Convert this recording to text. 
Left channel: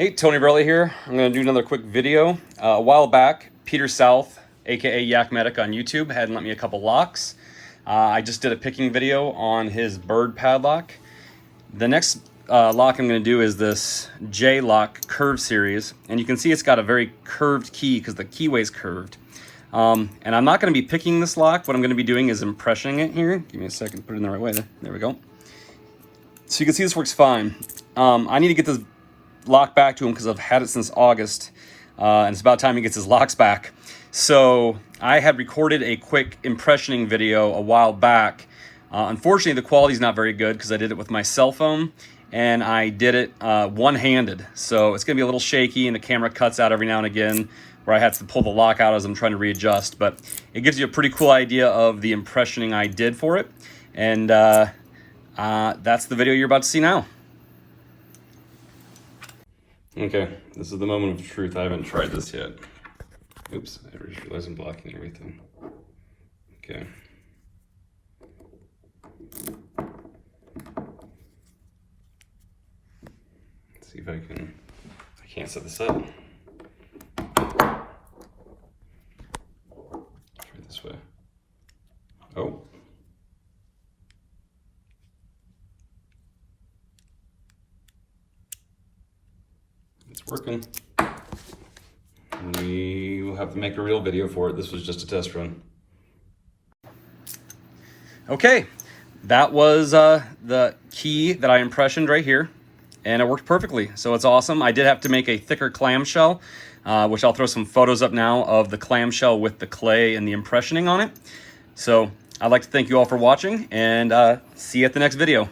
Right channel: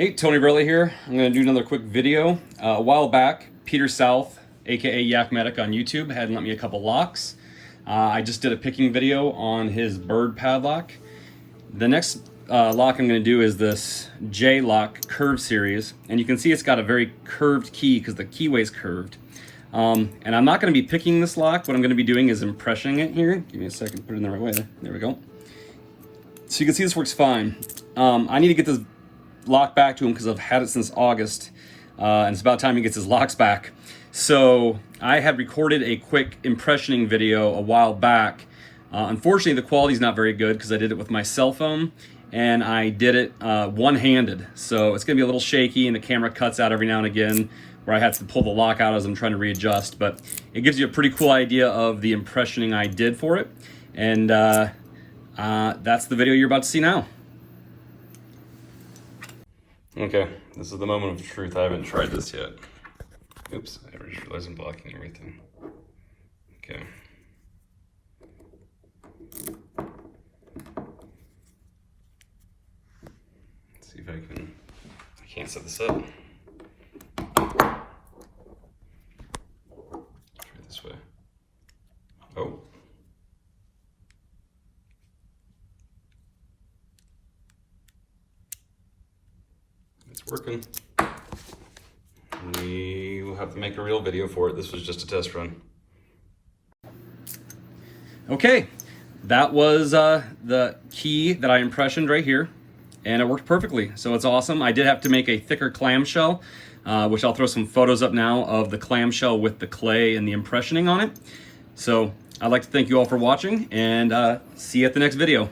Hey, Tony Verley here. I'm going to do another quick video. A while back, Peter South, aka Yak Medic on YouTube, had lent me a couple locks. I just did a picking video on his bird padlock. The next lock I'm going to do is this J-Lock curve series, and you can see it's got a very curved key because the keyway is curved. And I'm not going to be picking this lock. What I'm going to be doing is impressioning it here. Give me a second, put it in the right way. There we go. So you can see this works fine. I need to get this lock back to him because I've had it since August, and it's about time he gets his locks back. So I had recorded a quick impressioning video a while back. Unfortunately, the quality's not very good because I did it with my cell phone and I did it one-handed. So it's gonna be a little shaky and the camera cuts out every now and again where I have to pull the lock out as I'm trying to readjust, but it gives you a pretty cool idea of the impressioning I did for it. And that's the video you're about to see now. Okay, this is the moment of truth. I haven't tried this yet. Oops, I just realized I'm blocking everything. Okay. Let's see if I can't set this up. Try it this way. Oh. It's working. We will have to make a real video for it. This was just a test run. Okay, that was the key that I impressioned right here, and it worked perfectly, so it's awesome. I did have to make a thicker clamshell, which I'll throw some photos up now of the clamshell with the clay and the impressioning on it. So I'd like to thank you all for watching, and see you at the next video.